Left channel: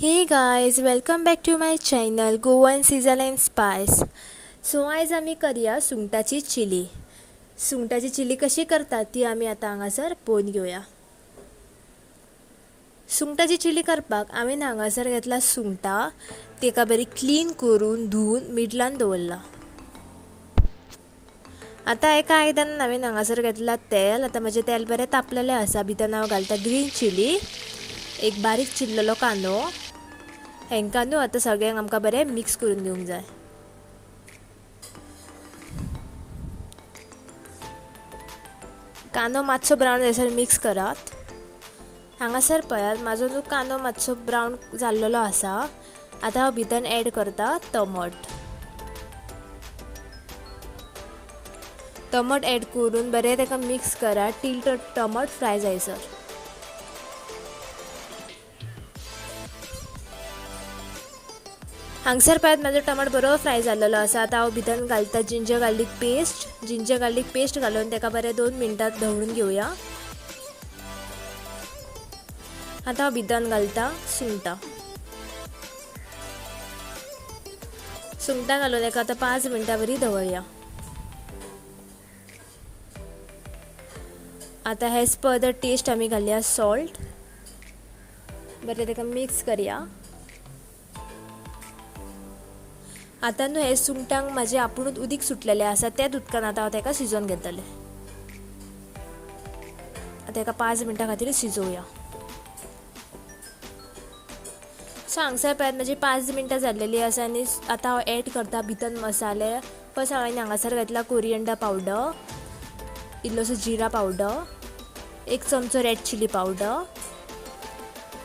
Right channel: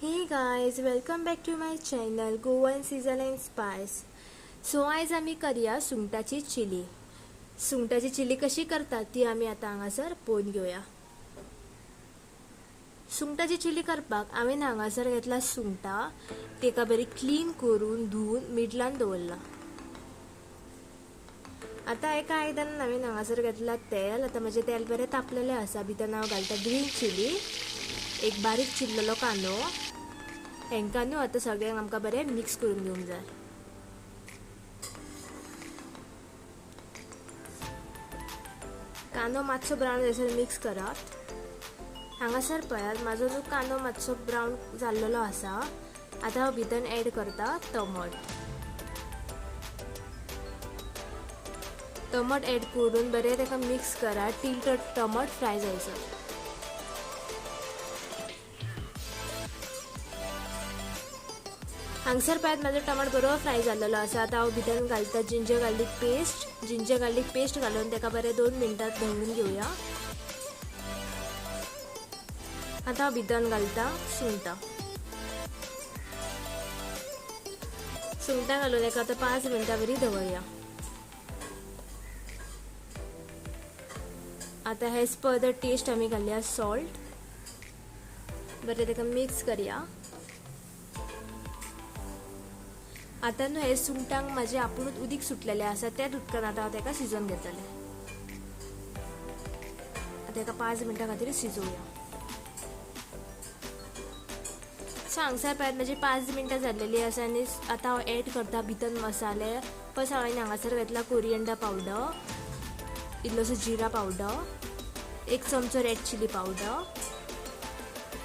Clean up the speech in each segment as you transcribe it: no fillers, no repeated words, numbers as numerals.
Hey guys, welcome back to my channel Goan Sizzle and Spice. So आज आम्ही करूया सुंगटाची चिली. सुंगटाची चिली कशी करतात ती आम्ही आता हांगासर पळोवन घेऊया. सुंगटाची चिली करपाक आम्ही हांगासर घेतला सुंगटा, तेका बरी क्लीन करून धुवून मिडलान दवरला. आता एका आयदनान हांवें हांगासर घेतला तेल. आता माझे तेल बरें तापलेलें आसा. भितर हांव घालता ग्रीन चिली, एक बारीक चिरलेलो कांदो. हेंका न्हू आता सगळ्यांक आमकां बरें मिक्स करून घेवंक जाय. कांदो मातसो ब्रावन जायसर मिक्स करात. हांगासर पळयात म्हाजो न्हू कांदो मातसो ब्रावन जाल्लेलो आसा. आता हांव भितर ॲड करता टमाट ॲड करून बरें ताका मिक्स करा टील तो टमाट फ्राय जायसर. हांगसर पळयात म्हाजो टमाट बरो फ्राय जाल्लेलो आसा. आता हांव भितर घालता जिंजर गार्लीक पेस्ट घालून ताका बरें 2 मिनटां ढवळून घेवया. आता हांव भितर घालता सुंगटां घालून ताका आता 5 मिनटां बरी दवरया. आता हेज पर द टेस्ट आमी घालया सॉल्ट. बरें ताका मिक्स करया. आता न्हू हे सुंगटांक माझे आपुणूच उदीक सुटलेले आसा. त्याच उदकान आता हांव ताका शिजोवन घेतले. आता एका 5 मिनटां खातीर शिजोवया. सो हांगसर पळयात माझी 5 मिनटां जाल्लेली आसा आनी आता हांव ॲड करता भितर मसाले. फर्स्ट हांवें हांगासर घातला कोरिएंडर पावडर, इल्लोसो जिरा पावडर, 1 चमचो रेड चिली पावडर.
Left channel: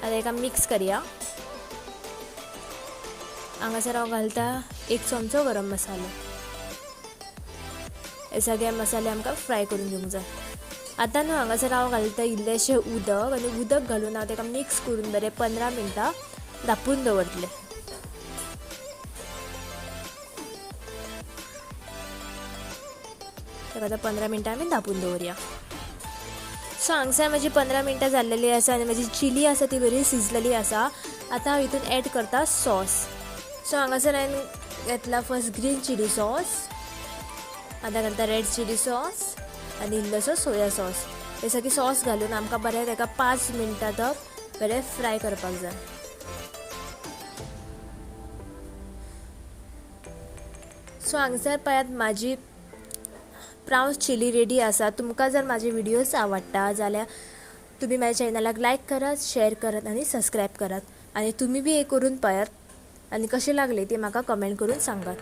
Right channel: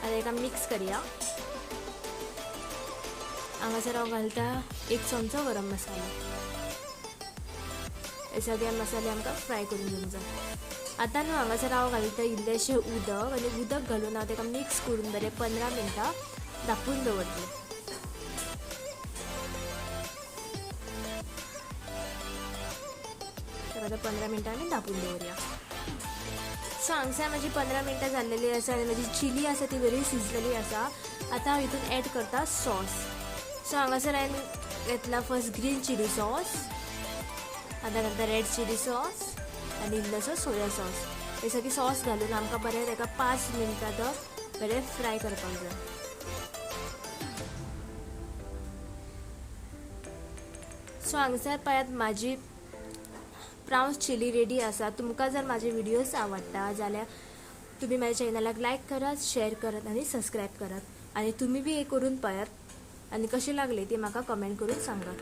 आता एका मिक्स करया. हांगासर हांव घालता 1 चमचो गरम मसालो. हे सगळे मसाले आमकां फ्राय करून घेवंक जाय. आता न्हू हांगासर हांव घालता इल्लेशें उदक आनी उदक घालून हांव ताका मिक्स करून बरें 15 मिनटां धापून दवरतलें. ताका आतां 15 मिनटां आमी धापून दवरया. सो हांगसर म्हजी 15 मिनटां जाल्लेली आसा आनी म्हजी चिली आसा ती बरी शिजलेली आसा. आता हांव हितून ॲड करता सॉस. सो हांगासर हांवें घेतला फर्स्ट ग्रीन चिली सॉस, आता घालता रेड चिली सॉस आनी इल्लोसो सोया सॉस. हे सगळी सॉस घालून आमकां बरें ताका 5 मिनटां तक बरें फ्राय करपाक जाय. सो हांगसर पळयात म्हाजी प्रावन्स चिली रेडी आसा. तुमकां जर म्हाजे व्हिडियोज आवडटा जाल्यार तुम्ही माझ्या चॅनलाक लायक करात, शेअर करात आणि सबस्क्राईब करात. आणि तुम्ही बी हे करून पळयात आणि कसे लागले ते म्हाका कमेंट करून सांगात.